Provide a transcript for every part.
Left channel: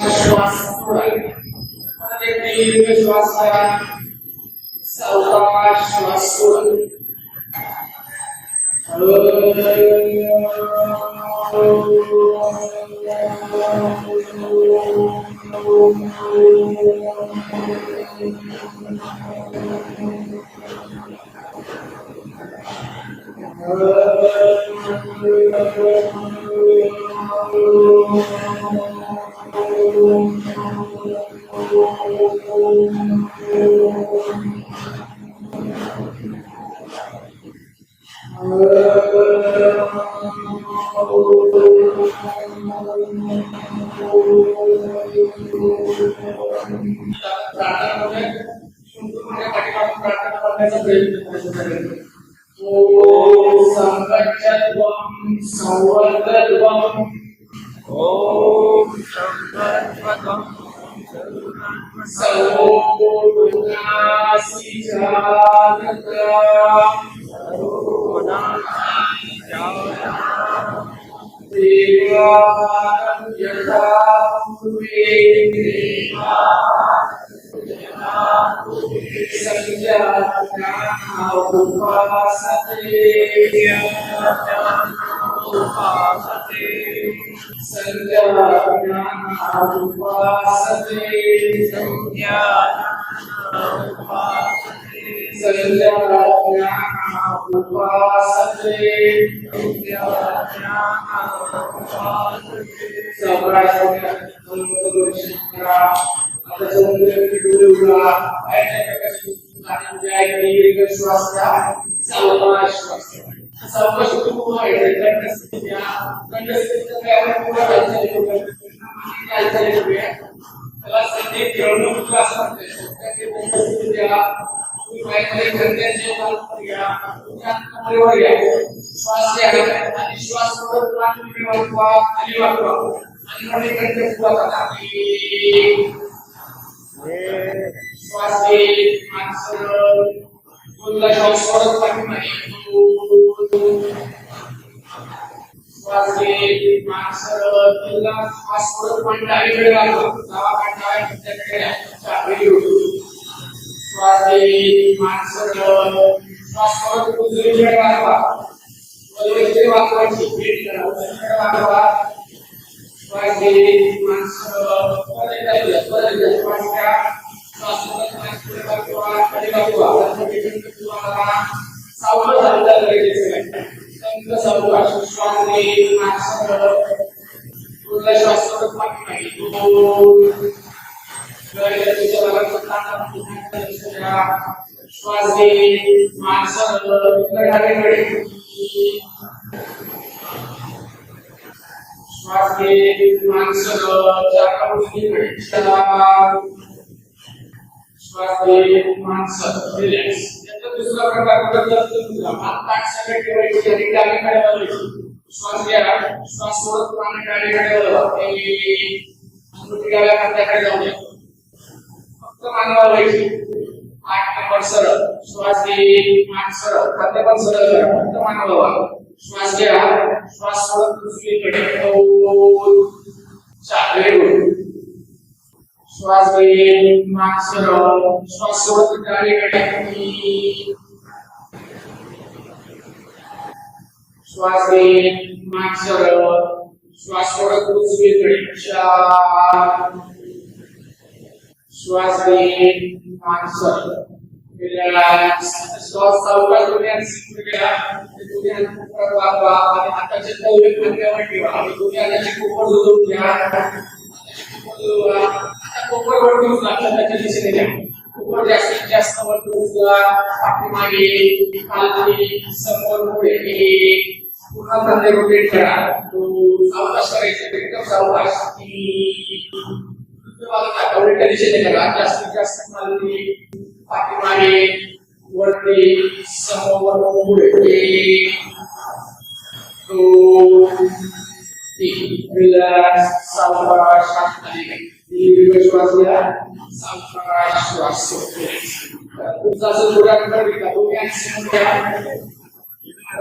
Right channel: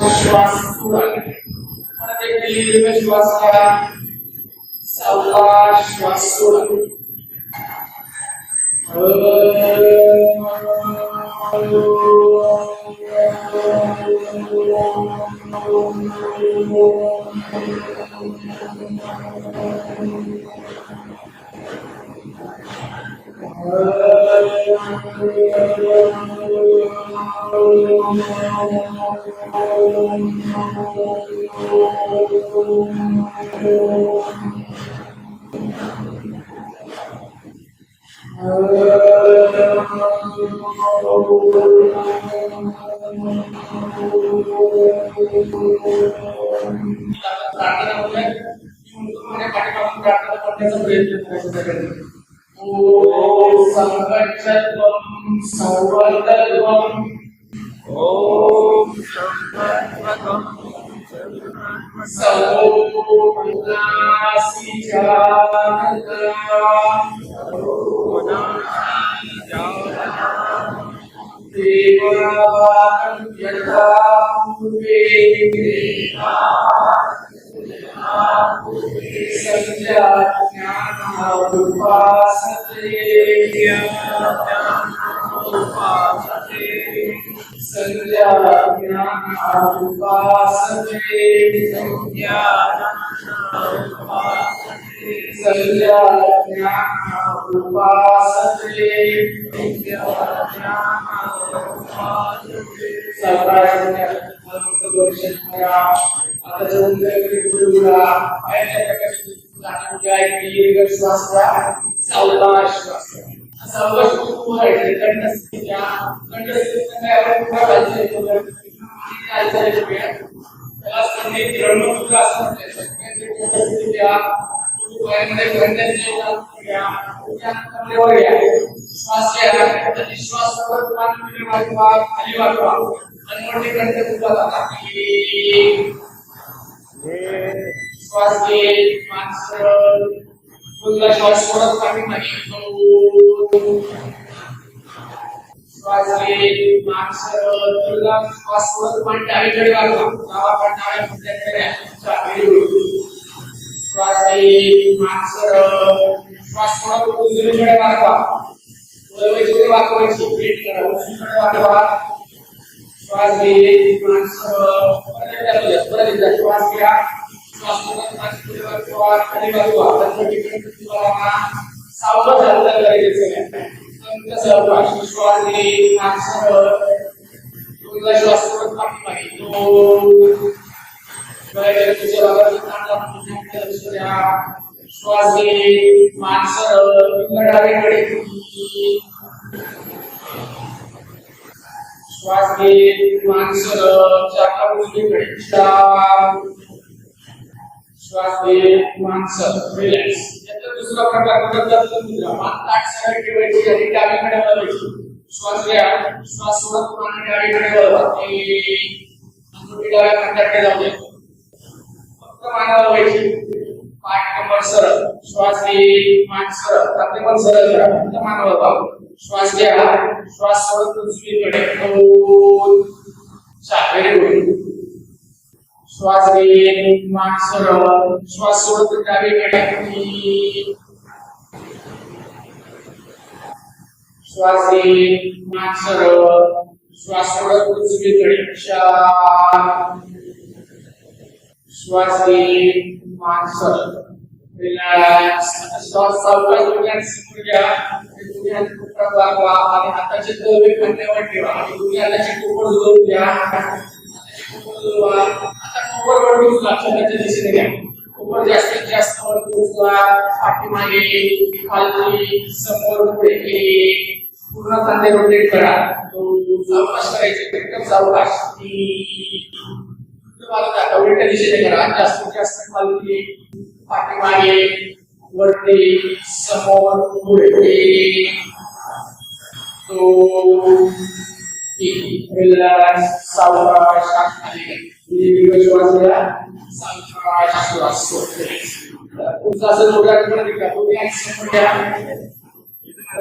श्वास सोडा आणि दीर्घ श्वास घ्या. सावकाश श्वास सोडा.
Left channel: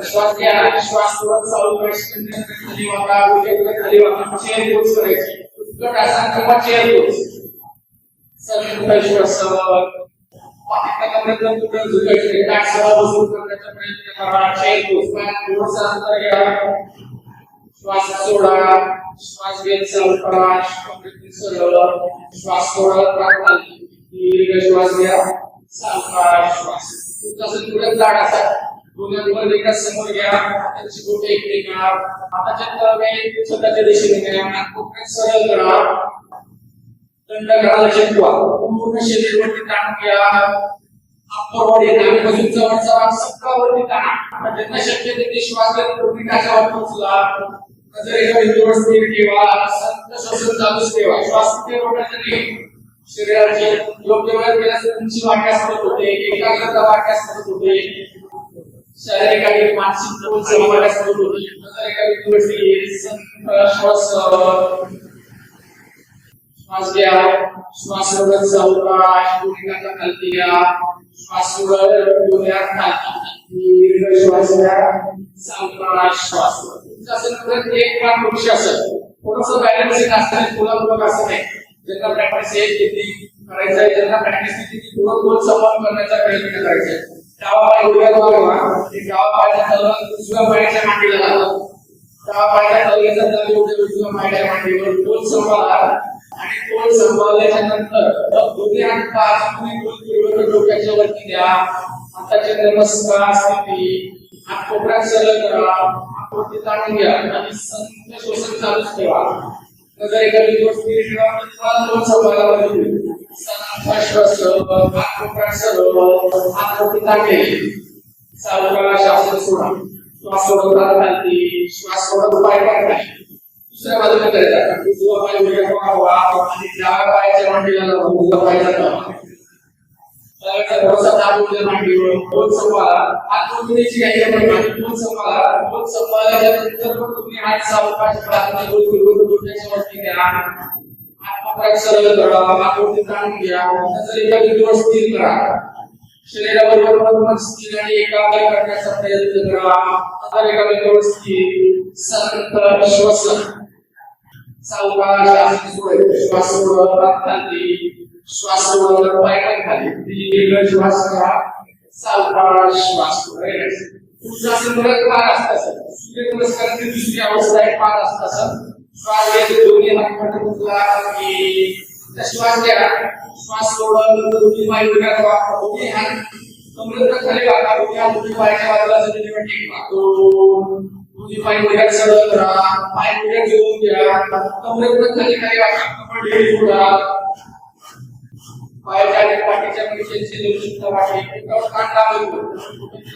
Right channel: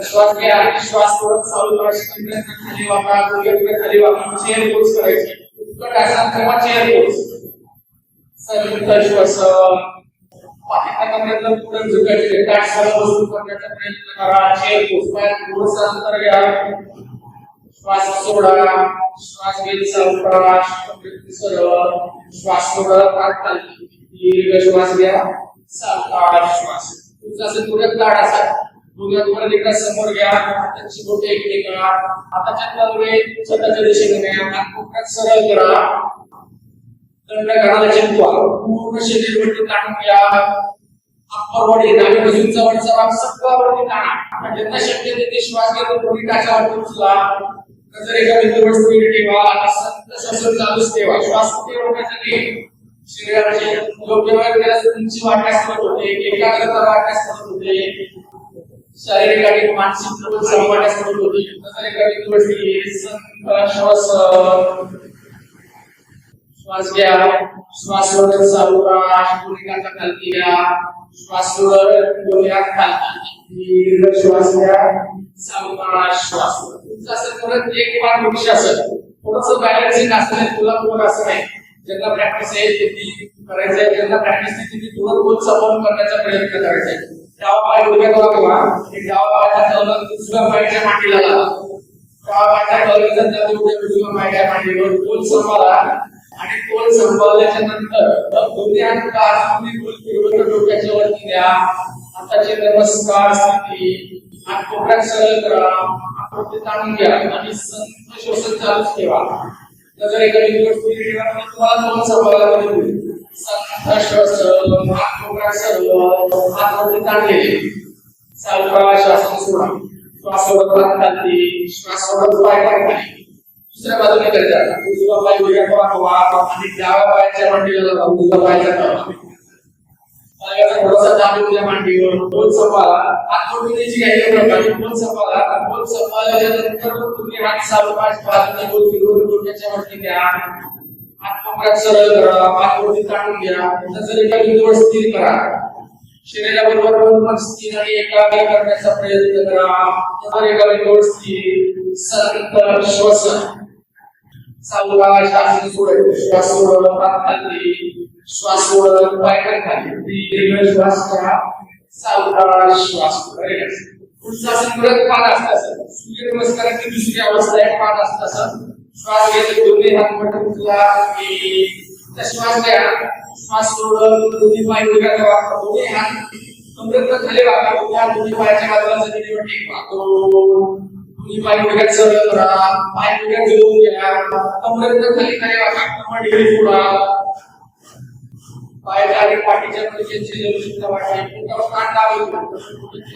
श्वास घ्या. श्वास सोडत चालू करायची. खाली वाका, गुडघे खाली वाका. चेन पुश करायची. उत्कट आसन किंवा चेअर संयुक्त श्वसन पाठीमागे प्रयत्न पुढे झुकायचे काठ सरळ बसून करण्याचा प्रयत्न करा चेअर पोस्ट थोडंसं अंतर घ्या श्वास सोडा श्वास घेत सावकाश कमरेतून सरळ श्वास सोडा खाली दीर्घ श्वास घ्या सावकाश श्वास तुमचा असेल थोडं जाड असा दोन्ही एकदा समोर घ्या त्याची बोटे इकडे करा हाताच्या तळवे स्वतःच्या दिशेने न्या नाक कोपऱ्यात सरळ करा दंड घालायला चिंतवा पूर्ण शरीर वरती ताण घ्या अप्पर बॉडी डावीपासूनचा वरचा भाग सगळा वरती ताणा जितना शक्य तिथे श्वास घेतो दोन्ही टाचावर उचला नजर एका बिंदूवर स्थिर ठेवा संत श्वसन चालूच ठेवा श्वास कुठे रोखण्यासाठी शरीराची योग्य वेळ केल्यास उंची वाढण्यास मदत होते एकाग्रता वाढण्यास मदत होते शारीरिक आणि मानसिक बल वाढण्यास मदत होते नजर एका बिंदूवर स्थिर संत श्वसन श्वास घ्या श्वास सोडत सावकाश दोन्ही टाचा खालती घ्या श्वास सोडत दोन्ही हात खालती दीर्घ श्वास घ्या सावकाश श्वास तुमचं असं परत एक पाठ वृक्ष असेल थोडंसं बॅलन्सिंग असतं तुला असं नाही ज्यांना प्रॅक्टिस आहे किती करायचं आहे ज्यांना प्रॅक्टिस किती थोडं गोल संपन्न करण्याचा प्रयत्न करायचा आहे डावा पाय उभ्याला बघा एक डावा पायाचा तळवा उजव्या पायाच्या मांडीला लावा डावा पायाचा तळव्याचा तळवा उजव्या पायाच्या मांडीवर गोल संपवला आणि गोल संपवल्याच्या नंतर दोन्ही हात पाच गोल फिरवून डोक्याच्या वरती द्या हाताचे नमस्कार स्थिती हात कोपऱ्यात सरळ करा हात ताणून घ्या आणि संत श्वसन चालूच ठेवा नजर एका बिंदूवर स्थिर ठेवा तुम्हाला दोन संवादाला मिळतील संत श्वसन हात कोपऱ्यात सरळ हात वरती ताणले सावकाश श्वास सोडा श्वास सोडत हात खालती श्वास सोडत पाय खाली दुसऱ्या बाजूने करायचा उजवा पाय उजव्या पायावर आणि डाव्या पायाच्या मांडीला लावा उजव्या पायाच्या तळाला पायाचा थोडासा दाब उजव्या मांडीवर गोल संवाला हात वरतीची घ्यायची म्हणजे गोल संवाल्याच्या नंतर तुम्ही हात सावकाश बाजूने गोल फिरवून डोक्याच्या वरती द्या हात कोपऱ्यात सरळ करा हात वरती ताणून घ्या नजर एका बिंदूवर स्थिर करा शरीराबरोबर पूर्ण स्थिर आणि एकाग्र करण्याचा प्रयत्न करा नजर एका बिंदूवर स्थिर संत श्वसन सावकाश आसन सोडत श्वास सोडत हात खाली श्वास सोडत पाय खाली दीर्घ श्वास घ्या सावकाश श्वास पुढचा आसन परत पाद असतं सूर्य नमस्काराची दुसरी अवस्था आहे पाद असतं श्वास घेतो दोन्ही हात मध्ये उचला की श्वास घ्या श्वास सोडत दोन्ही पाय उभ्या करा दोन्ही हात कमरेत खाली वाका उभ्या दोन्ही पायाच्या बाजूला जमिनीवर टेकवा दोन्ही पाय उभ्या सरळ करा पाय उभ्या जोडून घ्या कमरेत खाली वाका कमर ढिली सोडा पायाच्या आणि पाठीच्या मणक्याची लवचिकता वाढते पोटावर कांदा होतो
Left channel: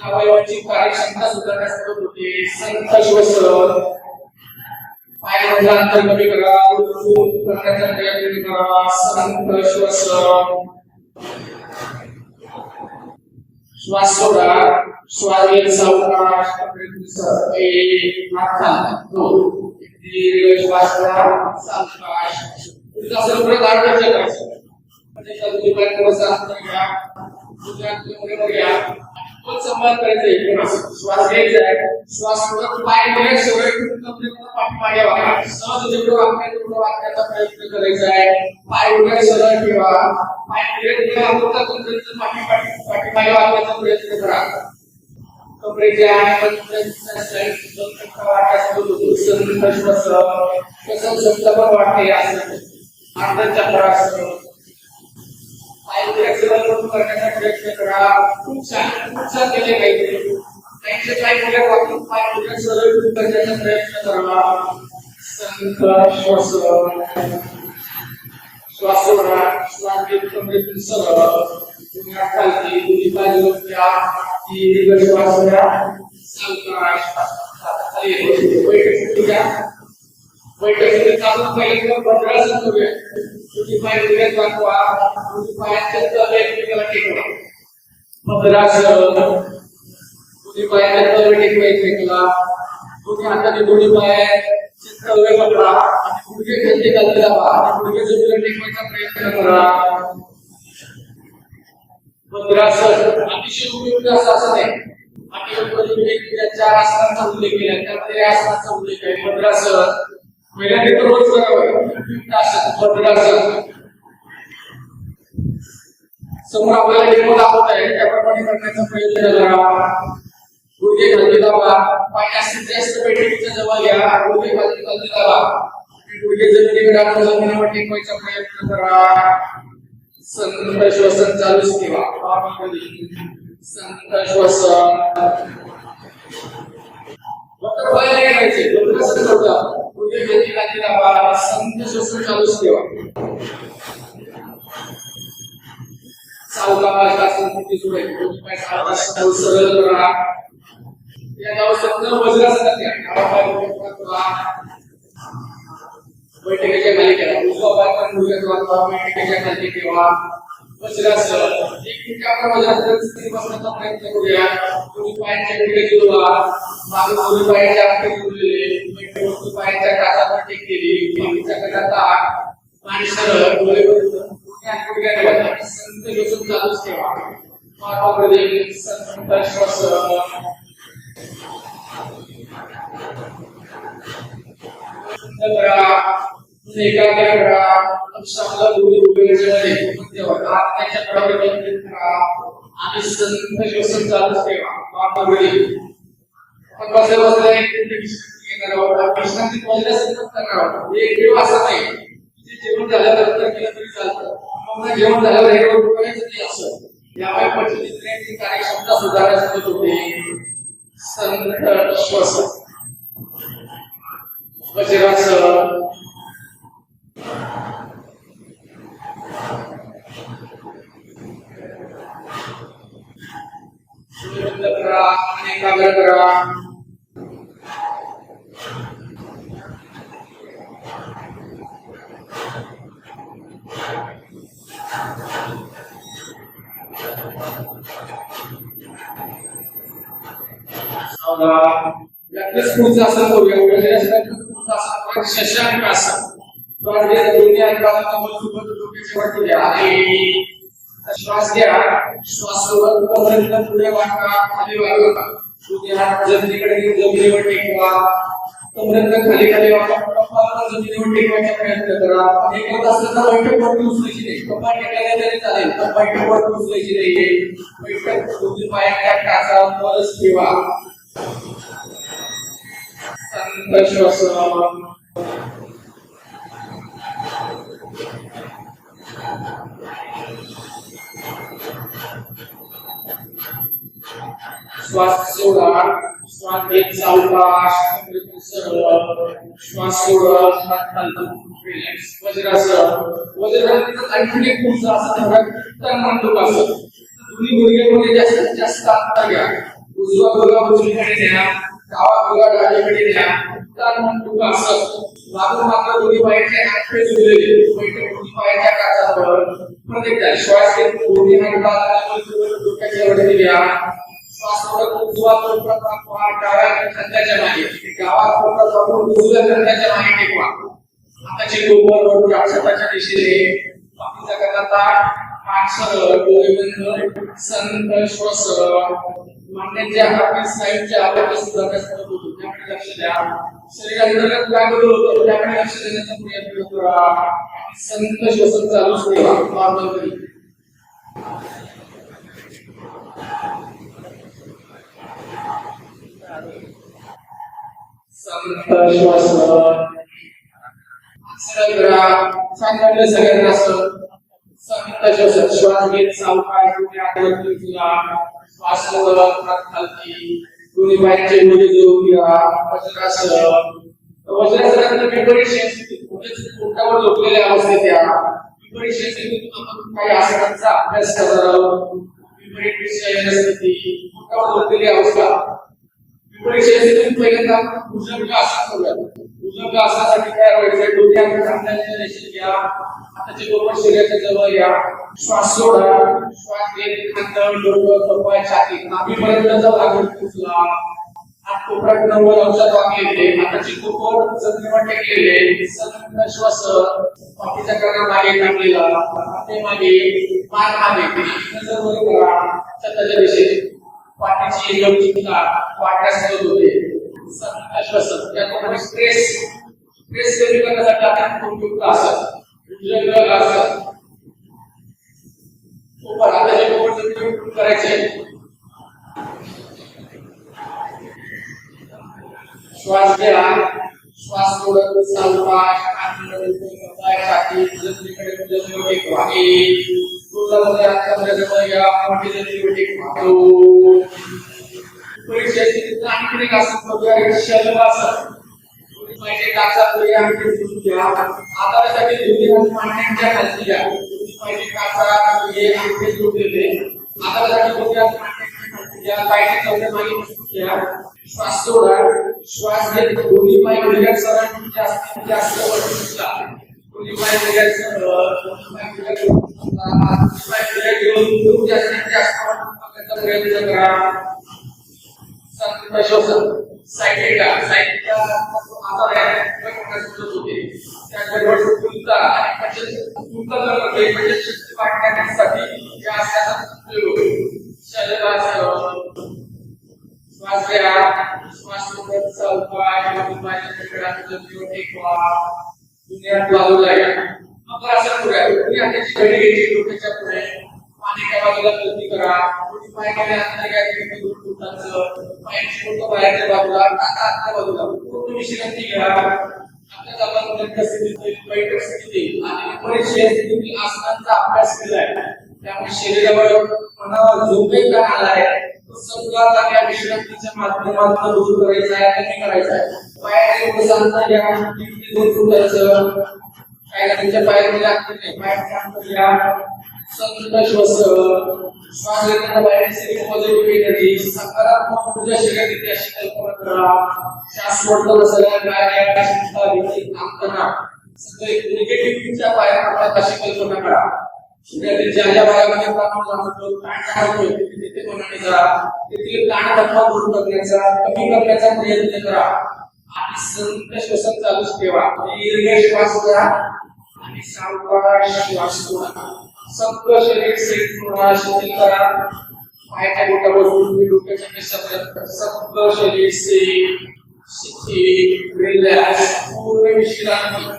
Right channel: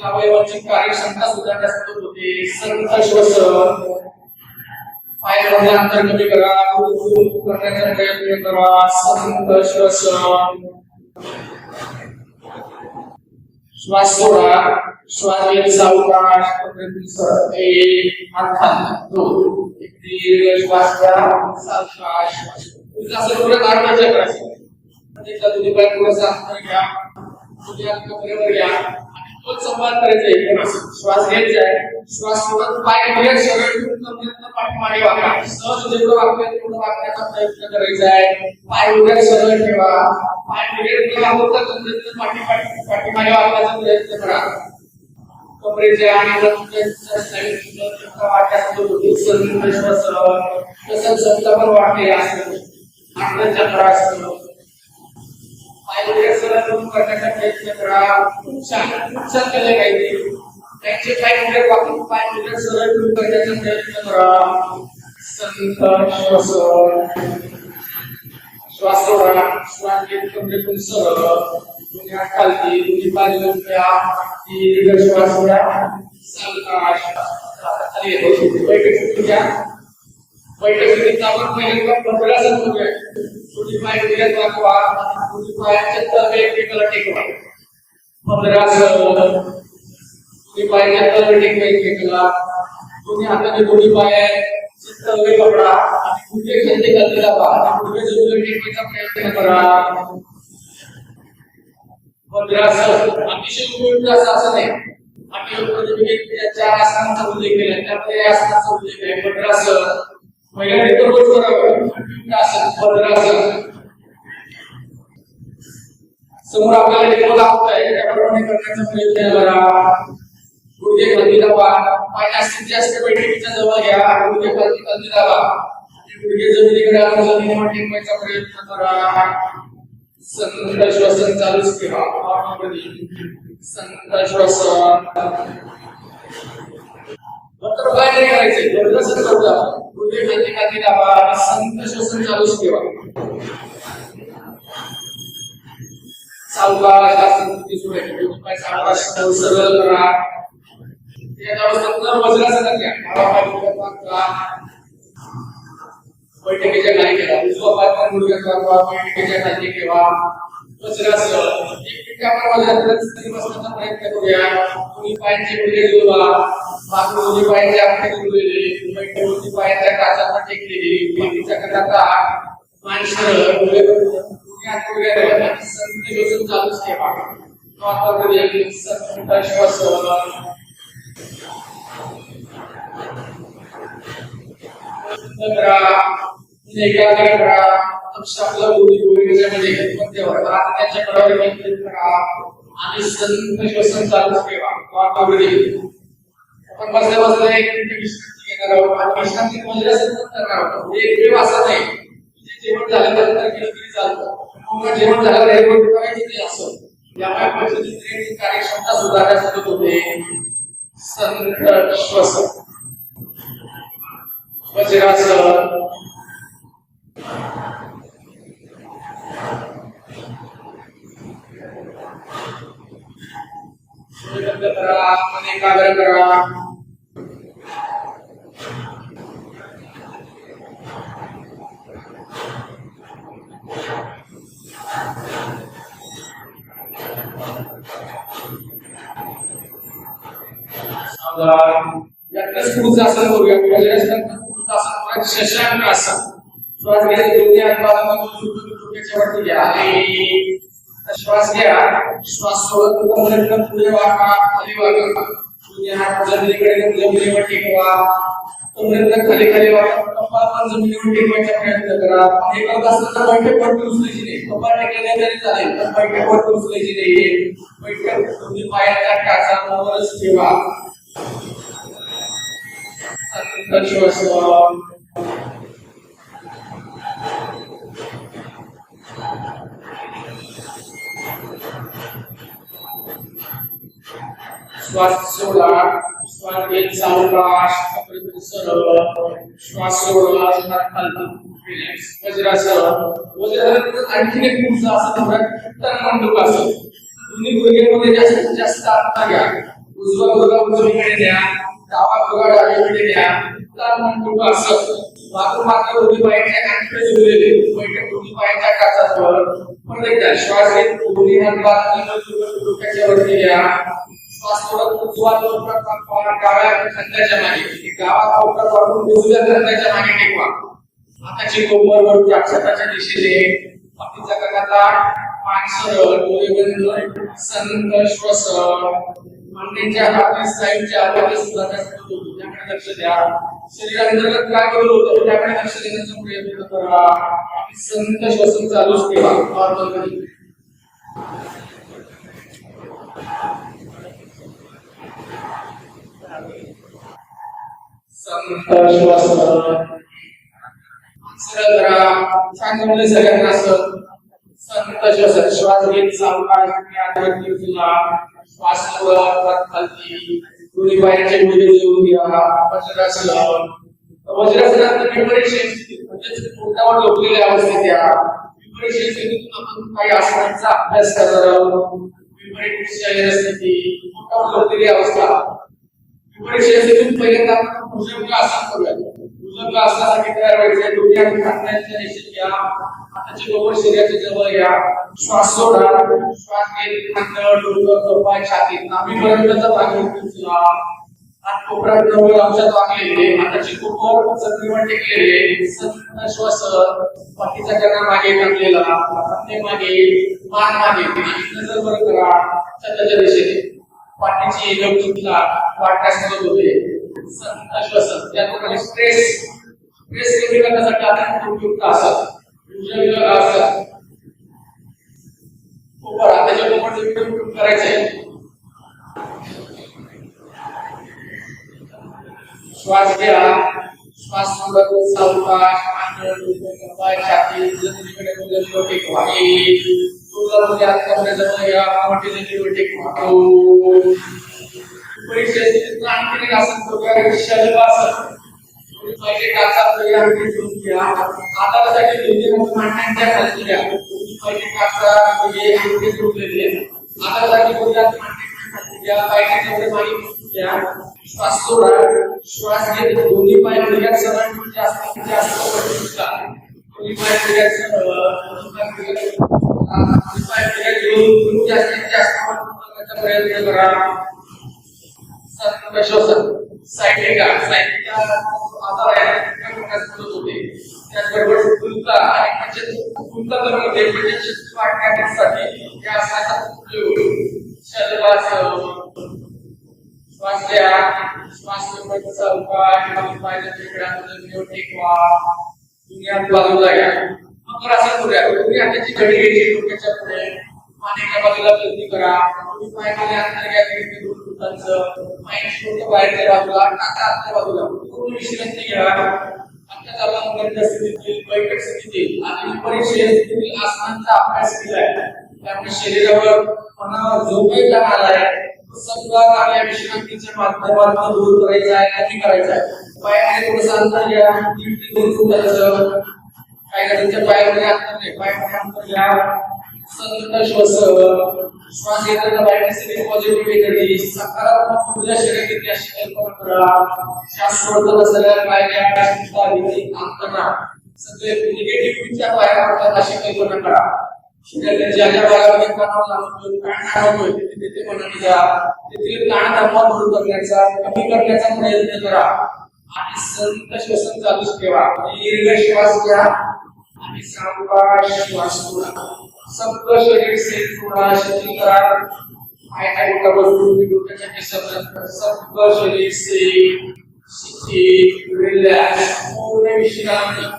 अवयवांची कार्यक्षमता सुधारण्यास मदत होते संत श्वसन पायामधलं अंतर कमी करा करण्याचा प्रयत्न करा संत श्वसन श्वास सोडा श्वास घेत सावकाश एक हात खाली दोन दीर्घ श्वास घ्या सावकाश तुझा सर्व गाठ करायचं त्याच्या दोन्ही पाय थोडंसं अंतर घ्या तुझ्या कमरेवर घ्या तो संवाद करायचा श्वास घ्यायचा आहे श्वास सोडत पाय मध्ये सगळे कमरेतनं पाठीमागे वाका सहज जेवढं वाकते तेवढं वाकण्याचा प्रयत्न करायचा आहे पाय उभे सरळ ठेवा पाय पुढे होता कमरेतनं पाठीमागे वाकण्याचा प्रयत्न करा कमरेच्या आणि वाक्यात संत श्वसन तसंच संतपण वाटते असं अर्धचक्रासन करण्याचा प्रयत्न करा खूप छान केले पाहिजे त्यांचे पाय पुढे वाकून पाय पुढे सरळ करण्याचा प्रयत्न करा संत श्वसन श्वास सोडा श्वास घेत कमरेतून सरळ दोन्ही हात खालती दोन्ही बाजूला घ्या दीर्घ श्वास घ्या सावकाश बैठक घ्या बैठकीने चालून पहिले भद्रासन करूया दोन्ही पाय उभ्यात वाकवा दोन्ही पायाच्या तळवे एकमेकाला टेकवा भद्रासन दोन्ही पायाच्या तळवे टेकवा एकमेकाला दोन्ही हाताने दोन्ही पायाचे तळवे पकडा आणि गुडघे खाली खाली दाबा आणि गुडघे जमिनीवर टेकवायचा प्रयत्न करा भद्रासन अतिशय उपयुक्त असं नाही आणि त्याच्या आसनाचा उल्लेख केला त्यामध्ये आसनाचा उल्लेख आहे भद्रासन पहिल्यांदा तर रोज करावं वज्रासन. समोर आपल्याला डेमो दाखवत आहे त्याप्रमाणे करण्याचा प्रयत्न करा. गुडघे खाली दाबा, पाय जास्तीत जास्त बैठकीच्या जवळ घ्या, गुडघे खाली दाबा, गुडघे जमिनीकडे आणून जमिनीवर टेकवायचा प्रयत्न करा. संत श्वसन चालूच ठेवा. संत श्वसन बटरफ्लाय नाही करायचे, वज्रासन सोडा, गुडघे खाली दाबा, संत श्वसन चालूच ठेवा. सावकाश आसन किती सोडायचे, पाय सावकाश सरळ करा. या अवस्थेत वज्रासन घ्या. बैठकीच्या खाली ठेवा, उजवा पाय पण गुडघ्यात वाकवा, बैठकीच्या खाली ठेवा. वज्रासन एक आपण वज्रासन स्थिती बसण्याचा प्रयत्न करूया. दोन्ही पायांचे गुडघे जोडवा, मागे दोन्ही पायांचे आपटे जोडलेले, बैठकीच्या पायांच्या टाचावर टेकलेली, पाठीच्या कडात मान सरळ, गुडघ्यावर संत श्वसन चालूच ठेवा. वातावरणामध्ये संत श्वसन एकाग्र करा. लक्ष आपलं गुडघ्यामध्ये मध्यवर हात त्याच्या कडावर केंद्रित करा आणि संत श्वसन चालूच ठेवा. वातावरणामध्ये आपण बसल्या बसल्या एक मिनिट विश्रांती घेणार आहोत. विश्रांती वज्रासन करणार आहोत. एक वेळ असा नाही जेवण झाल्यानंतर केलं तरी चालतं, मग जेवण झाल्यावर हे रोज करायचं नाही असं. या पद्धतीने कार्यक्षमता सुधारण्यास मदत होते. संत श्वसन वज्रासन करा आणि एकाग्र करा. पुढचं आसन करूया. पुढचं आसन शशांक आसन. श्वास घ्या, दोन्ही हात डोक्याच्या वरती घ्या आणि श्वास घ्या. श्वास सोडत कमरेतनं पुढे वाका, खाली वाका. दोन्ही हात जमिनीकडे घेऊन जमिनीवर टेकवा. कमरेतनं खाली खाली वाका, कपाळ पण जमिनीवर टेकवायचा प्रयत्न करा. हे करत असलं तर बैठक वरती उचलायची नाही, कपाळ टेकले तरी चालेल, पण बैठक वरती उचलायची नाही. बैठक दोन्ही पायाच्या टाचावरच ठेवा. संत श्वसन श्वास सोडा. श्वास घेत सावकाश, सरळ श्वास सोडा, रिलॅक्स. वज्रासन. वज्रासन आणखीन एक पुढचं आसन आहे मंडूकासन. दोन्ही गुडघ्यांमध्ये जास्तीत जास्त अंतर घ्या. उजवा गुडघा उजवीकडे द्या, डावा गुडघा डावीकडे द्या. मंडूकासन. मागून मात्र दोन्ही पायाचे अंगठे जोडलेले, बैठक दोन्ही पायाच्या काचावर. परत एकदा श्वास घेत दोन्ही हात बाजूला डोक्याच्या वरती घ्या. श्वास सोडत उजवा पाय डाव्या खांद्याच्या मागे, डावा कोपरा वापरून उजव्या खांद्याच्या मागे टेकवा. हाताची कोपर वर कापसाच्या दिशेने, पाठीचा कणा मान सरळ, डोळे बंद. संत श्वसन. मांड्यांच्या हाती साईडच्या आवाज सुधारण्यास मदत होतो, त्याकडे लक्ष द्या. शरीरांतर्गत काय बदल होतो त्याकडे लक्ष देण्याचा प्रयत्न करा. संत श्वसन चालूच ठेवा. नॉर्मल संत श्वसन सरळ करा. सांगितले सगळ्यांना संत श्वसन. श्वास घेत सावकाश आत उचला. श्वास सोडत खाली, दोन्ही पायांचे गुडघे जोडून घ्या. वज्रासन. वज्रासनात विपरीत स्थिती म्हणजे पोटावर झोपलेल्या अवस्थेत या. विपरीत स्थितीतून आपण काही आसनांचा अभ्यास करणार आहोत. विपरीत स्थिती, पोटावर झोपलेली अवस्था. विपरीत स्थितीतून पहिल्यांदा भुजंग आसन करूया. भुजंग आसनासाठी तयार व्हायचे. डोके खांद्याच्या दिशेने घ्या, हाताचे कोपर शरीराच्या जवळ घ्या. श्वास सोडा. श्वास घेत खांद, डोकं, पाय, छाती, नाभीपर्यंतचा भाग उचला. हात कोपऱ्यात 90 अंशात वाकलेले, हाताची कोपर जमिनीवर टेकलेले. संत श्वसन. पाठीचा कणा मागे टाकलेला, खांदे मागे, मान मागे. नजर वर करा छताच्या दिशेने. पाठीची लवचिकता वाढण्यास मदत होते. संत श्वसन. याप्रमाणे स्ट्रेस प्रेस कमी करण्यासाठी आपण उपयुक्त असतात भुजंग आसन ऊपर आपल्याला ऊपर जमीन करायचे आहे श्वास घ्या श्वास सोडत सावकाश आंतरडोळे पाय छाती जमिनीकडे जमिनीवर टेकवा पूर्ण हात जवळ या मोठी जमिनीवर टेकवा परीक्षा स्थितीत आणखी एक आसन करूया शलभासन पाहिजे काचा या आणखी घ्या आता त्यासाठी दोन्ही हात मांड्यांच्या खाली घ्या पाहिजे काचा हे आणखी झुकलेले आता त्यासाठी दोन्ही हात मांड्यांच्या खाली घ्या पाहिजे तेवढे मागे घ्या श्वास सोडा श्वास घेत दोन्ही पाय रिलॅक्स करा जास्त पडता दोन्ही पाय रिलॅक्स जास्त प्रयत्न करा श्वासन सायटिका आधार होते त्याचबरोबर फुलता आणि फुलता म्हणजे शक्ती वाढण्यासाठी या आसनाचा उपयोग शलभासन श्वास घ्या श्वास सोडत सावकाश पायाच्या तिकड्यात जमिनीवर टेकवा दुनियात बाजूला घ्या मग असं करूया तुम्ही हाताची घडी घ्यायची डोक्याच्या पुढे मानेच्या बाजूला गती करा तुम्ही पाय खाली अंतर घ्या की दोन फुटांचं पाय छोटं बाहेरच्या बाजूला टाका आतल्या बाजूला पूर्ण विश्रांती घ्या आता आपण गंध स्थितीतील बैठक स्थितीतील आणि परीक्षा स्थितीतील आसनांचा अभ्यास केलाय त्यामुळे शरीरावर मनावर जो काही ताण आलाय सगळा आपल्या विश्रांतीच्या माध्यमातून दूर करायचा आहे कमी करायचा आहे पायाने थोडंसं अंतर घ्या 3 ते 2 फुटाचं काय तुमच्या पायामध्ये अंतर नाही पायामध्ये अंतर घ्या संत श्वास श्वास घेताना बाहेरची पॉझिटिव्ह एनर्जी सकारात्मक ऊर्जा शरीरात येते अशी कल्पना करा श्वास सोडताना सगळ्या पायाच्या चिंता भीती आंतरणा सगळे निगेटिव्ह विचार बाहेर पडतात अशी कल्पना करा शरीरातील ज्या ज्या भागामध्ये तणाव जाणवतो ताण होतो तिथे मनाने जा तेथील ताणतणाव दूर करण्याचा कमी करण्याचा प्रयत्न करा आणि संत श्वसन चालूच ठेवा दीर्घ श्वास घ्या आणि सावकाश श्वास सोडा संपूर्ण शरीर सेट सोडा शिथिल करा पायाच्या बोटावर तुम्ही डोक्याच्या केसापर्यंत संपूर्ण शरीर सेट शिथिल रिलॅक्स पूर्ण विश्रांती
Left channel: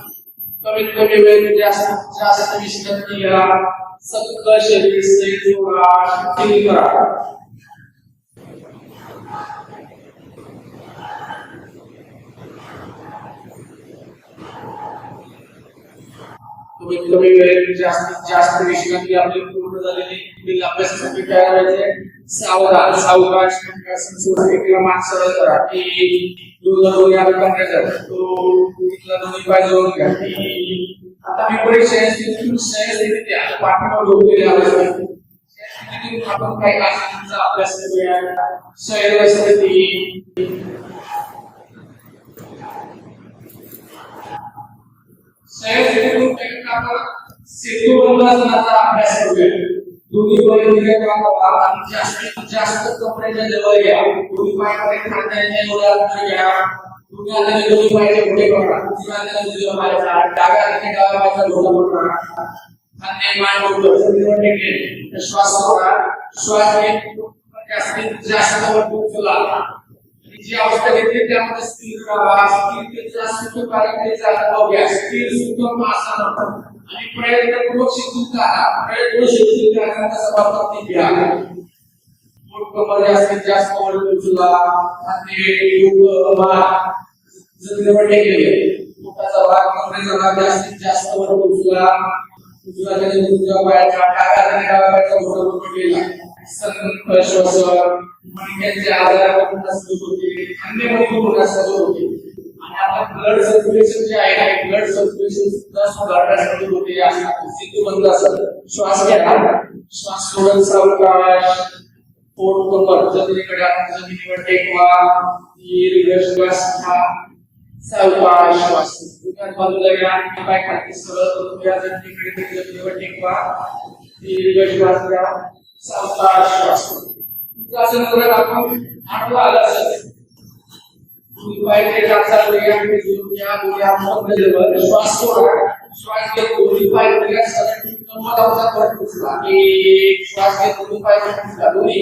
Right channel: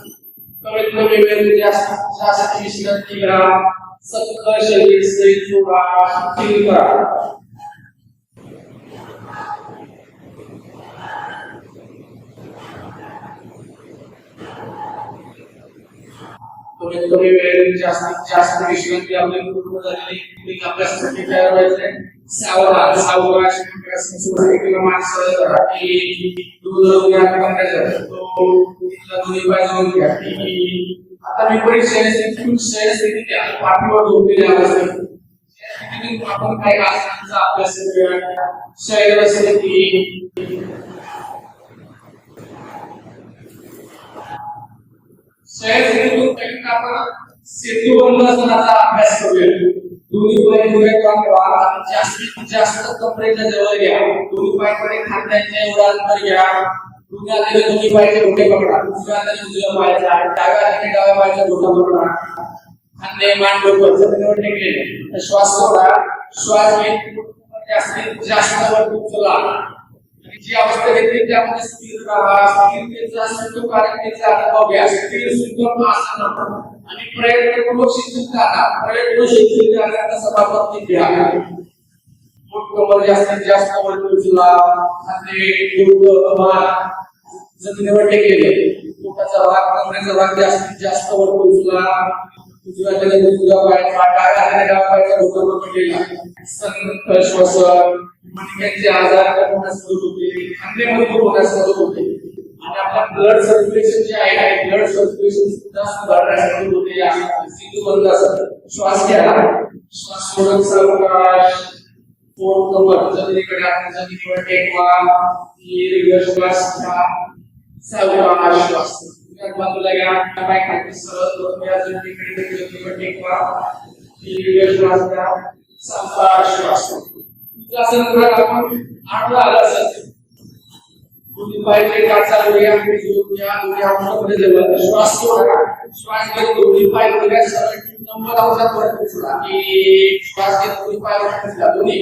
कमीत कमी वेळ जास्त विश्रांती घ्या सगळं शरीर सेट सोडा शिथिल करा कमीत कमी वेळ जास्तीत जास्त विश्रांती आपली पूर्ण झालेली अभ्यासासाठी तयार व्हायचंय सावधान सावकाश एकला मान सरळ करा की दोन हात कमरेचा तो इथला दोन्ही पाय जोडून घ्या आता मी परीक्षा स्थितीत द्या पाठीवर झोपलेल्या अवस्थेत स्थितीतून आपण काही आसनांचा अभ्यास करूया शरीर स्थिती शरीर आपण सेतू बंधासनाचा अभ्यास करूया दोन्ही पाय उभे करा आणि जास्तीत जास्त कमरेच्या जवळ घ्या दोन्ही पायाकडे खांद्यांच्या एवढा अंतर घ्या दोन्ही हाताने दोन्ही पायाचे घोटे पकडा उजव्या हाताने उजव्या पायाचा डाव्या हाताने डाव्या पायाचा घोटा पकडा खांदे मान डोकं जमिनीवर टेकले श्वास सोडा श्वास घेत जास्तीत जास्त वर उचला जी अवस्था घेतली त्यामध्ये स्थिर राहा स्थिरतेचा सुखकारकतेचा अनुभव घ्या स्थिर सुखम आसन आणि प्रयत्नपूर्वक शिथिलता प्रयत्न शिथिलता करण्याचा प्रयत्न घ्या पोट कमर जास्तीत जास्त वर उचला खांदे डोकं मान जमिनीवर टेकले पोटाचा भाग कमरेचा भाग जास्तीत जास्त वर उचला उजव्या हाताने उजव्या पायाचा डाव्या हाताने डाव्या पायाचा घोटा पकडलेला संत श्वासन मणक्याचे आजार होण्यास सुरू होते खांद्यामध्ये होण्यास सुरू होते आणि आपला ब्लड सर्क्युलेशन जे आहे ब्लड सर्क्युलेशन सुद्धा सुधारण्यास सुरू होते या सेतू बंधासन श्वास घ्या श्वास सोडत सावकाश पोट कमर जमिनीकडे जमिनीवर टेकवा दीर्घ श्वास घ्या सावकाश श्वास बाजूला घ्या पाय खाली सरळ या जमिनीकडे जमिनीवर टेकवा दीर्घ श्वास घ्या सावकाश श्वास आसन करूया आपण आठवा आसन दोन्ही पाय चालू घ्या आणि जोडून घ्या दोन्ही हातामध्ये जवळ श्वास सोडा श्वास घेत दोन्ही पाय वगैरे सरळ 90 अंशात वर उचला एक श्वास घेत दोन्ही पाय वर उचला दोन्ही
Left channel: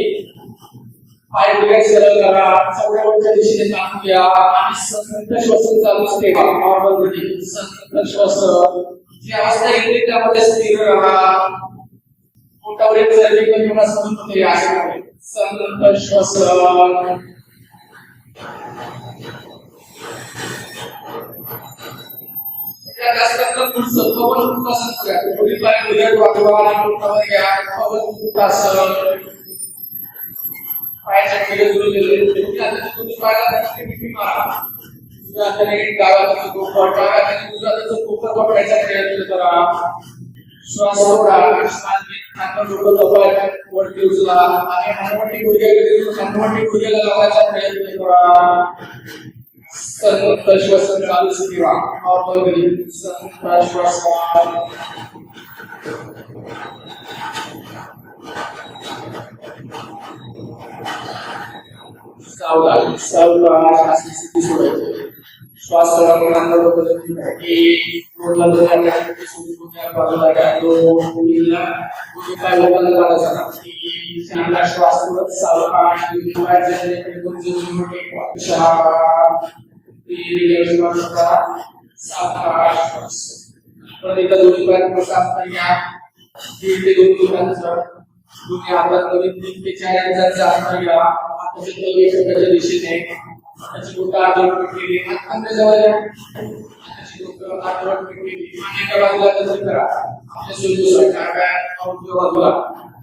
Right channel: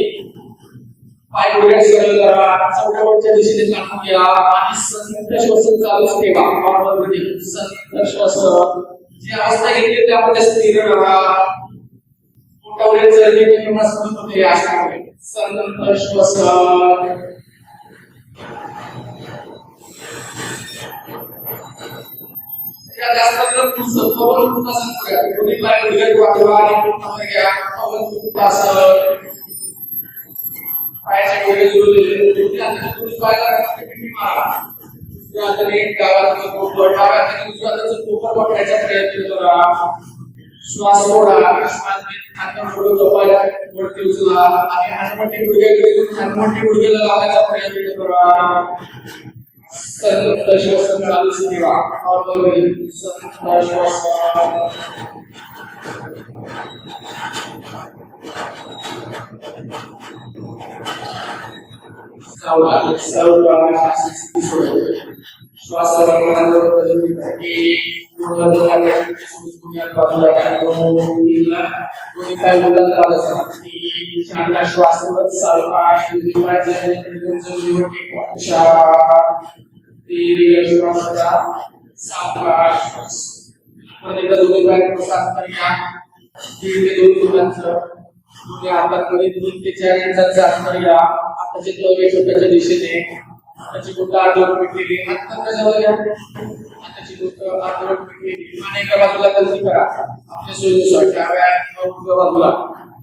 पाय पुढे सरळ करा, चौड्यावरच्या दिशेने टाकून घ्या आणि संतत श्वसन चालूच ठेवा. नॉर्मल ब्रीथिंग, संतत श्वसन. जी अवस्था येते त्यामध्ये स्थिर राहा. पोटावरील चरबी कमी मजबूत होते यासाठी संतत श्वसन. जास्त पुढचं कपाल उत्तासन करा. दोन्ही पाय उलट वाकवा आणि पोटावर घ्या. कपाल उत्तासन. पायाचे गुडघे जोडलेले. आता तुम्ही पायाला पिठी मारा. उजव्या हाताने डाव्या हाताचा कोपर पकडायचा प्रयत्न करा. श्वास सोडा. श्वास घेत हात जोडून कपाल वरती उचला आणि हनुवटी गुडघ्याकडे हनुवटी गुडघ्याला लावायचा प्रयत्न करा. संतत श्वसन चालूच ठेवा. नॉर्मल संतत श्वसन. सावकाश स्थिती सोडायची. श्वास श्वास सोडत सावकाश सावकाश. प्रत्येक दोन्ही पाय प्रसाद घ्या. 1.5 ते 2 मिनिटांचं दोन्ही हातात करीत 3 ते 4 इंचाचं अंतर घ्या. हाताचे तळवे छोट्याच्या दिशेने. हाताची बोटं आडवर पिटलेली. हाताच्या जवळ घ्या. हाताची बोटं आडवर पिटलेली. आणि एका बाजूला गती करा. आपल्या सोयीनुसार डाव्या किंवा उजव्या बाजूला.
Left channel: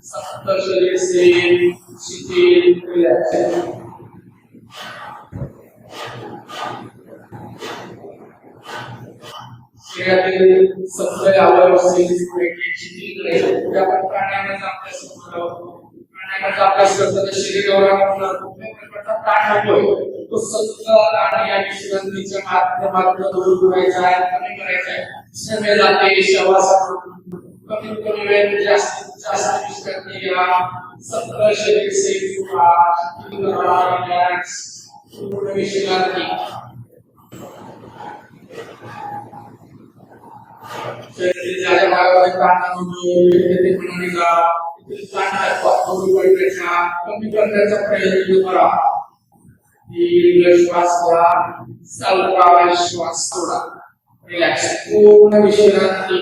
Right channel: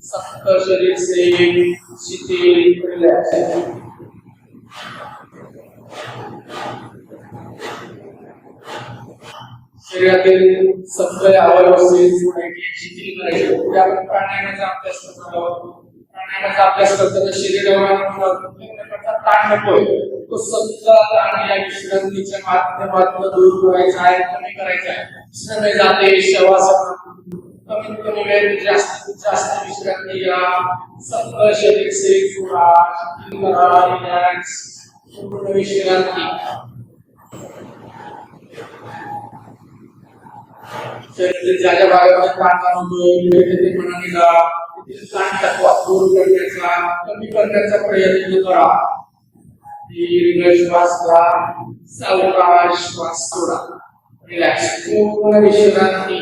सतत शरीर स्थिर, शिथिल, रिलॅक्स. शरीरातील सगळे अवयव शिथिल करायचे. पुढे आपण प्राणायामाचा अभ्यास करतो. प्राणायामाचा अभ्यास करताना शरीरावर कुठल्या ताण होतोय तो सगळा ताण या विश्रांतीच्या माध्यमातून दूर करायचा आहे, कमी करायचा आहे. समय जाते श्वास कमी कमी वेळ जास्तीत जास्त विश्रांती घ्या. सगळं शरीर सेफ सोडा, शिथिल करा, रिलॅक्स, पूर्ण विश्रांती. शरीराच्या ज्या भागामध्ये ताण होतोय ते मनाने करा. कमी करण्याचा प्रयत्न करा. दीर्घ श्वास घ्या. सावकाश श्वास सोडा. रिलॅक्स, पूर्ण विश्रांती.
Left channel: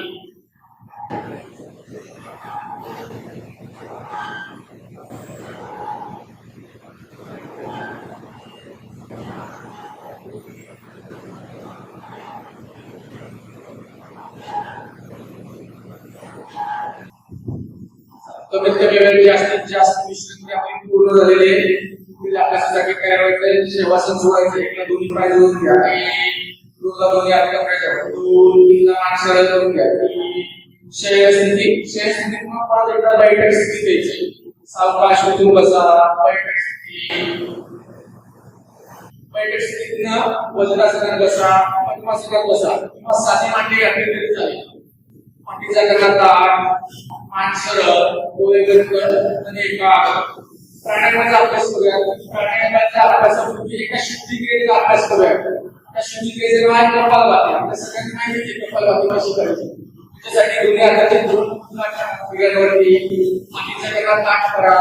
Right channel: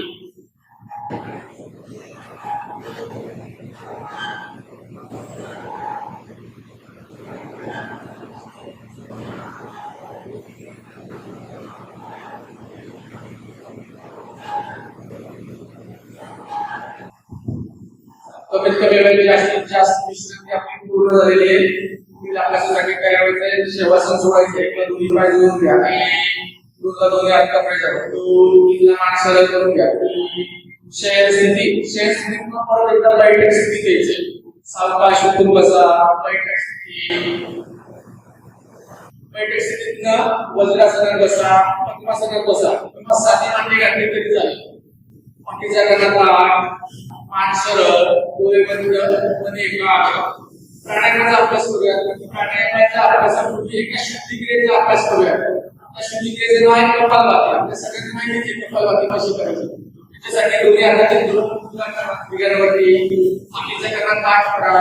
कमीत कमी वेळ जास्तीत जास्त विश्रांती आपली पूर्ण झालेली आहे. आपल्यासाठी काय करायचंय, शवासन सोडायचं. एकला दोन्ही पाय जोडून घ्या. दोनला दोन्ही हात कपड्याच्या 2 3ला मान सरळ करून घ्या. शय्या स्थिती मग परत एकदा लाईट स्थिती घ्यायची. सावकाश उतरून बसा. लाईट स्थितीतनं वज्रासनात बसा, पद्मासनात बसा किंवा साधी मांडी घातली तरी चालेल. मांडीच्या कणात मान सरळ, डोळे बंद आणि एकाग्र. प्राणायामाचा अभ्यास करूया. प्राणायामाच्या अभ्यासापूर्वी एका शुद्धीक्रियेचा अभ्यास करूया. त्या शुद्धीक्रियेचे नाव आहे कपालभाती. आपल्या सगळ्यांना माहिती आहे कपालभाती कशी करायची. त्याच्यासाठी दोन्ही हाताचे गुडघ्यांवरती, मांडीच्या कणात ताठ करा,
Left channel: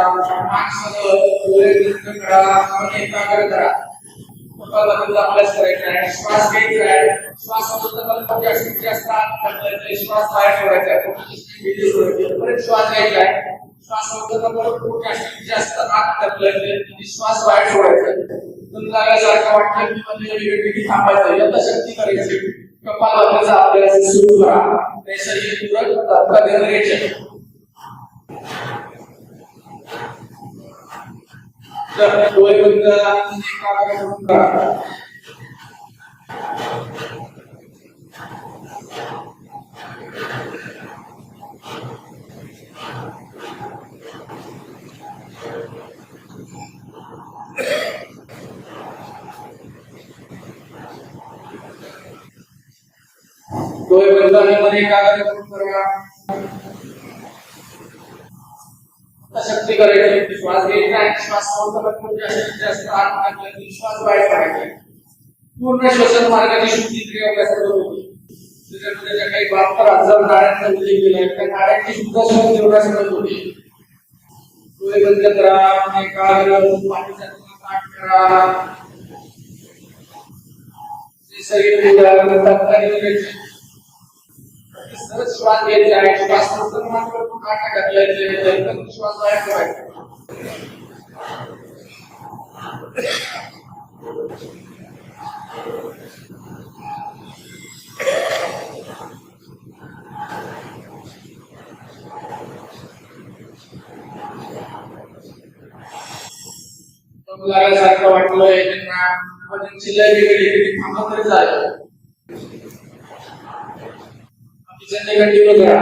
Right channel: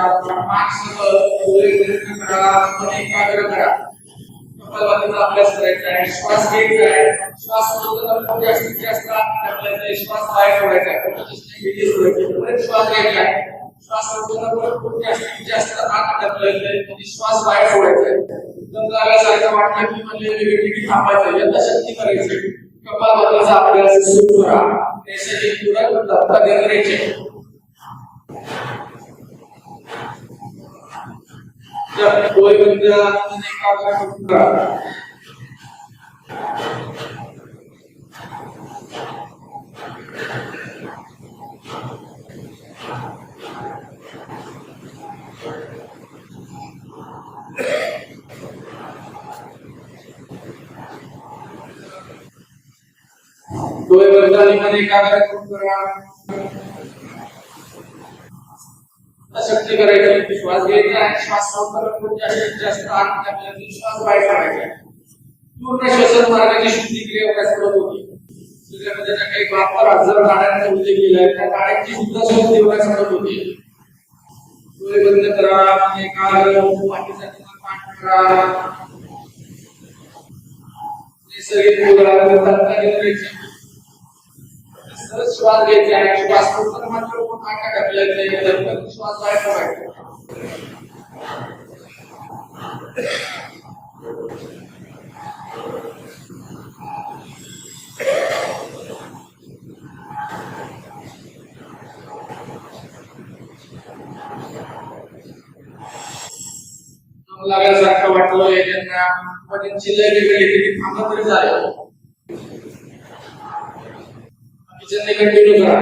मान सरळ, डोळे बंद करा आणि एकाग्र करा. कपालभातीचा अभ्यास करायचा आहे. श्वास घ्यायचा आहे. श्वास सोडताना जास्तीत जास्त श्वास बाहेर सोडायचा आहे. परत श्वास घ्यायचा आहे. श्वास सोडताना परत जास्तीत जास्त आत ढकलायचं आणि श्वास बाहेर सोडायचा आहे. जर लागायसारखं वाटलं की म्हणजे वेगळी थांबायचं, यथाशक्ती करायची. कपालभातीचा अभ्यास सुरू करा. नैसर्गिक पूरक धक्का द्यायचे. डोळे बंद आणि एकाग्र करून करा. डोळे बंद आणि एकाग्र करून करा. शक्ती करायची. श्वास घ्यायचा आणि श्वास सोडताना जास्तीत जास्त आत टाकल्याने श्वास बाहेर काढायचा. पूर्ण श्वसन मार्गाची शुद्धीक्रिया करत होती. त्याच्यामध्ये ज्या काही वापर हजार नाड्यांचा उल्लेख केलाय त्या नाड्यांची सुद्धा शोध घेण्यास मदत होती. डोळे बंद करा, एकाग्र पाठीचा पाठ करा. नैसर्गिक श्वास घ्यायचा आहे. श्वास सोडताना मात्र काटा घातल्याचे श्वास बाहेर काढायचा. लागल्यासारखं वाटलंय त्यांना, पण चिल्लायला गेले की थांबा तरी झालं. कंटिन्यू करा.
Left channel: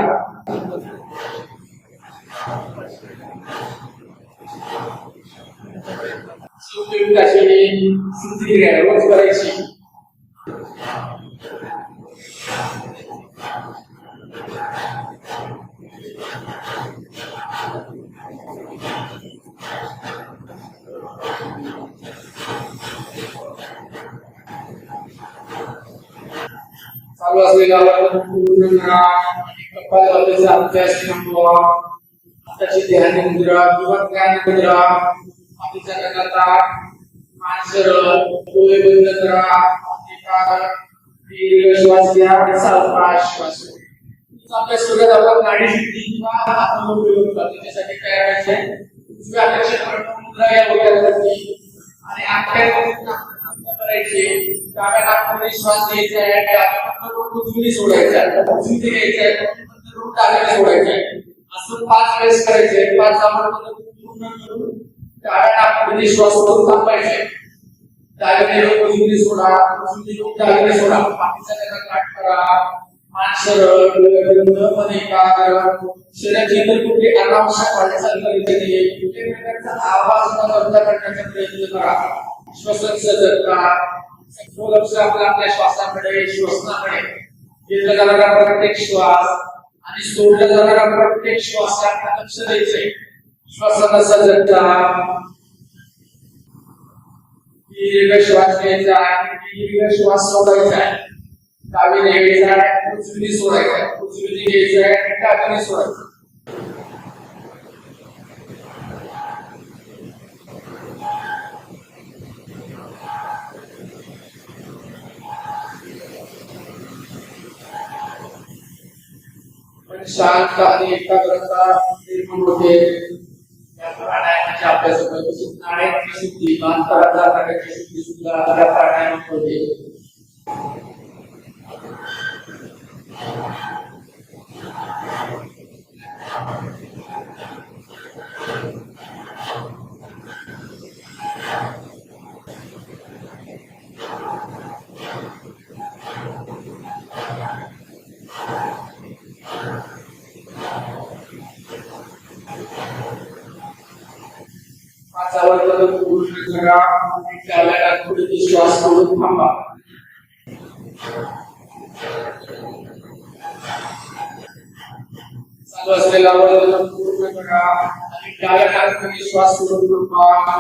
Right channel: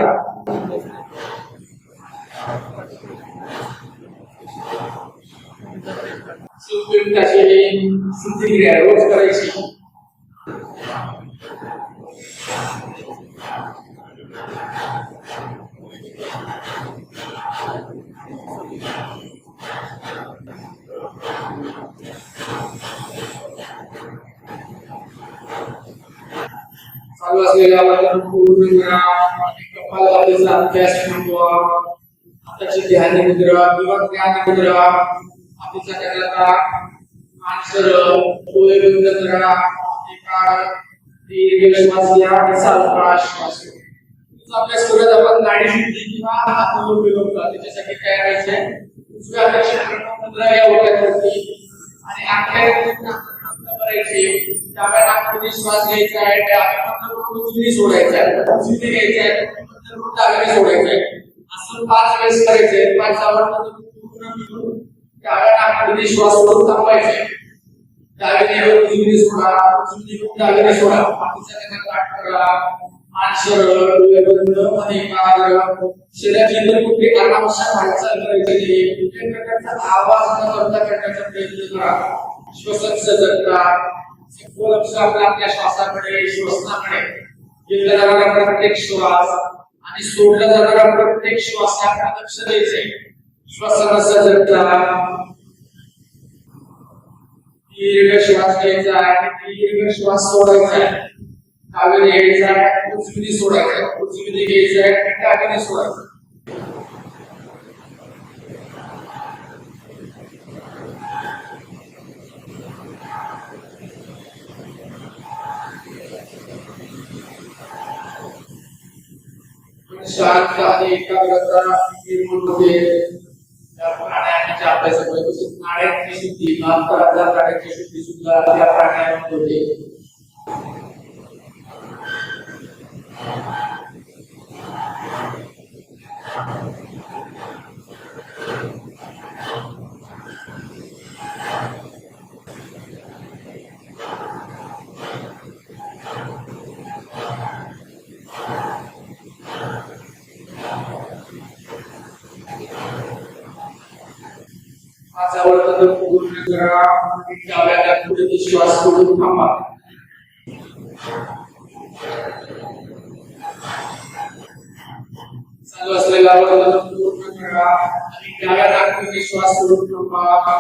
रोज करायची. चालू असलेला पूर्ण कपालभातीचा अभ्यास थांबवा. आताची ध्यान मुद्रा किंवा ज्ञान मुद्रा हातीचा करता मान सरळ, डोळे बंद करा. दीर्घ श्वास घ्या, सावकाश श्वास घ्या. अभ्यास करत आपण गाडी शिकली किंवा आत्मोपयोग करतो. त्याच्यासाठी काय करायचंय, उजव्या हाताची मुद्रा या डोक्यावरती आणि आख्या करायचे. डाव्या नाकामध्ये श्वास घ्यायचा आहे, उजवीने सोडायचा आहे, उजवीने घ्यायचा आहे, डाव्याने सोडायचा आहे. असं 5 वेळेस करायचंय. 5 पूर्ण करून डाव्या नाकामध्ये श्वास सोडून थांबायचे. डावीने उजवीने सोडा, उजवीने डावीने सोडा. पाठीचा कणा काट करा, मान सरळ, डोळे बंद आणि एकाग्र. शरीराची इतर कुठली अनावश्यक हालचाल करायची नाही. कुठल्याही प्रकारचा आवाज न करता करण्याचा प्रयत्न करा. श्वसन सजगता, सखोल लक्ष आपल्या श्वासाकडे, श्वसनाकडे. घेतला जाणारा प्रत्येक श्वास आणि सोडला जाणारा प्रत्येक श्वासाकडे लक्ष द्यायचे. श्वसन सजगता. दीर्घ श्वास घ्यायचा आणि दीर्घ श्वास सोडायचा आहे. डावीने घ्यायचा आहे, उजवीने सोडायचा आहे, उजवीने घ्यायचा आहे आणि डावीने सोडायचा. शांत आणि एकाग्रता निर्माण होते. त्या प्राणायामाच्या अभ्यासामध्ये नाड्यांची शुद्धी, अंतराच्या नाड्यांची शुद्धी सुद्धा त्या प्राणायामात होते. पूर्ण करा आणि डाव्या पुढे श्वास सोडून थांबा. चालू असलेला पूर्ण करा आणि डाव्या नाकाने श्वास सोडून थांबा.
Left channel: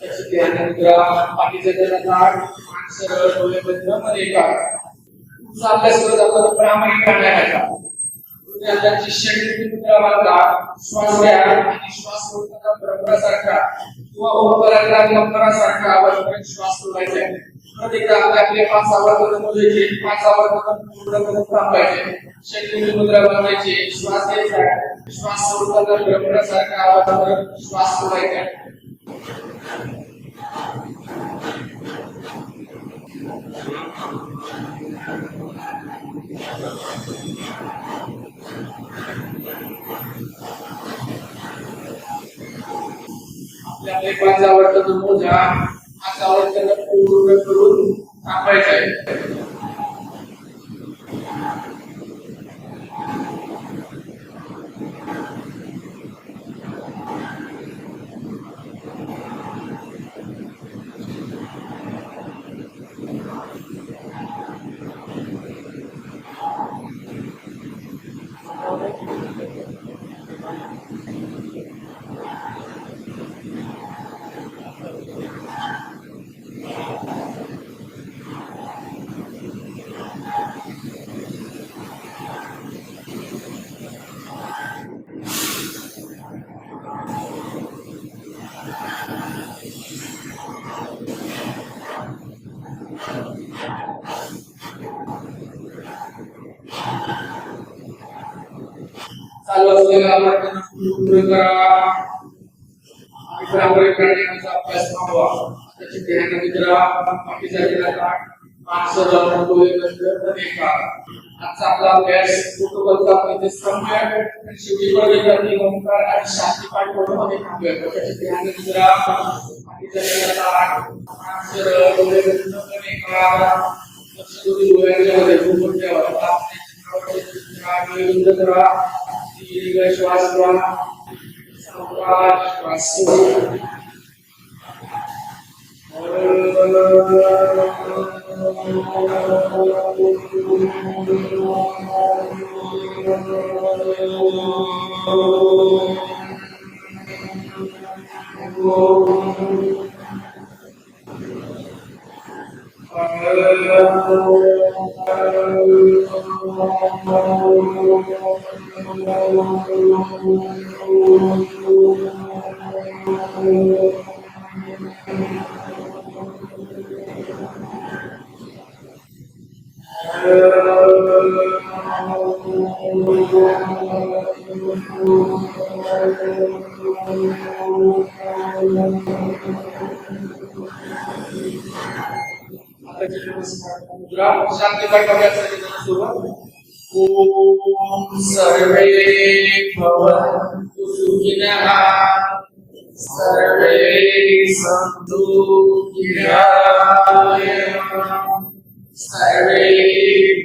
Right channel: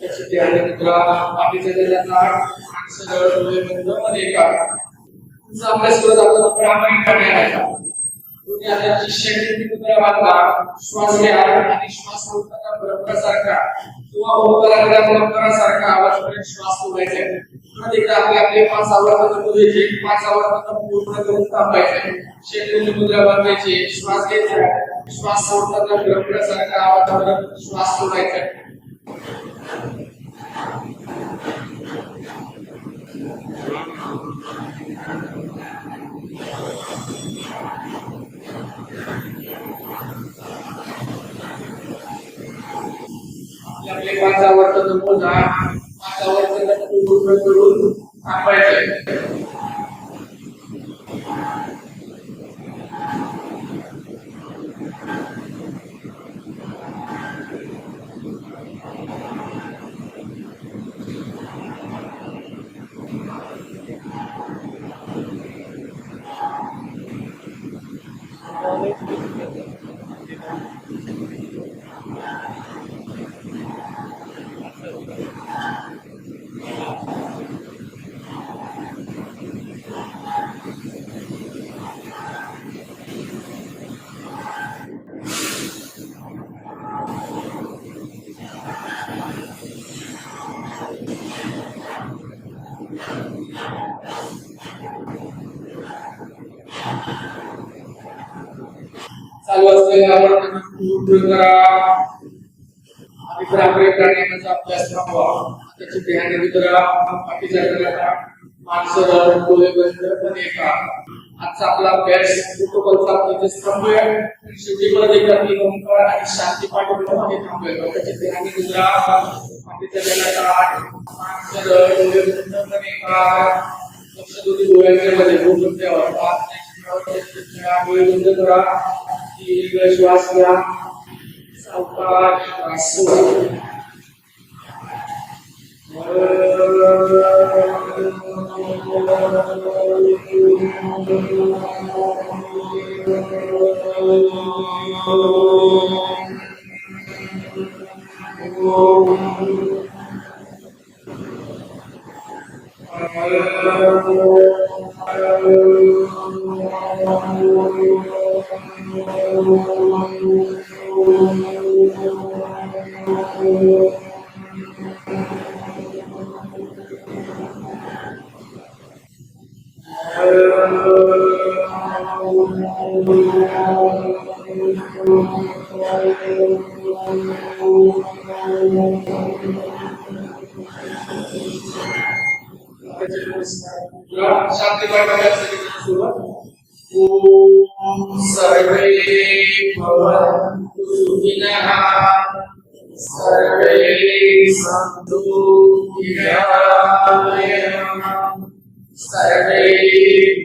त्याची ध्यान मुद्रा, पाठीचा कणा, मान सरळ, डोळे बंद आणि एकाग्र. तुमचा अभ्यास करत आपण प्रामाणिकपणे करायचा. तुम्ही आता शरीराची मुद्रा बांधा. श्वास घ्या आणि श्वास सोडताना ब्रह्मासारखा किंवा ओंकारासारखा आवाज करत श्वास सोडायचा आहे. परत एकदा आपले 5 आवर्त मोजायचे. 5 आवर्त पूर्ण करून थांबायचे. शरीराची मुद्रा बांधायची. श्वास घ्यायचा, श्वास सोडताना ब्रह्मासारखा आवाज करत श्वास सोडायचा आहे. आपले 5 आवर्त मोजा. 5 आवर्त पूर्ण करून थांबायचे. चालू असलेला आपण पूर्ण करा आणि पारंपरिक प्राण्यांचा अभ्यास थांबवा त्याची ध्यान मित्रा बाकीच्या जगाला माणसं डोळे बंद बनेका आजचा आपला अभ्यास प्रोटोकॉलचा इथे स्तंभ आहे आणि शेवटी परत एक ओंकार आणि शांती पाठ मध्ये थांबूया त्याची ध्यान मित्रा बाकीच्या जगाला माणसं डोळे बंद बनेका लक्ष दोन्ही डोळ्यांच्या मध्ये गुंतून ठेवा डोळे बंद करा दीर्घ श्वास घ्या सावकाश श्वास सोडा शांती पाठासाठी सुरुवात ओम सर्वे भवन्तु सुखिनः सर्वे सन्तु निरामयाः सर्वे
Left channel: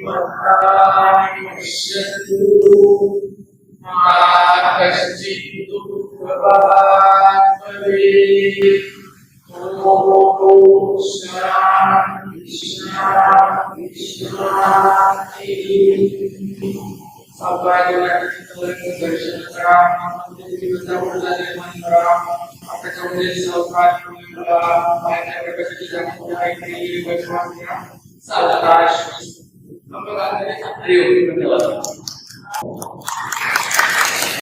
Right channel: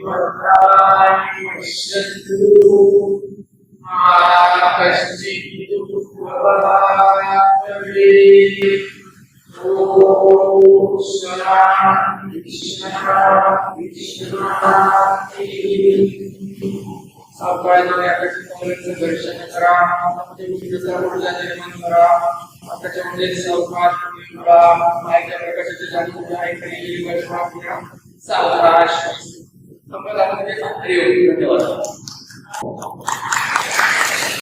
भद्राणि पश्यन्तु मा कश्चित् दुःखभाग् भवेत् ओम शांति शांति शांति सावकाश दर्शन करा निर्माण करा त्याच्यामध्ये सावकाश माहिती प्रकाशाची जाणीव आहे सावकाश धन्यवाद.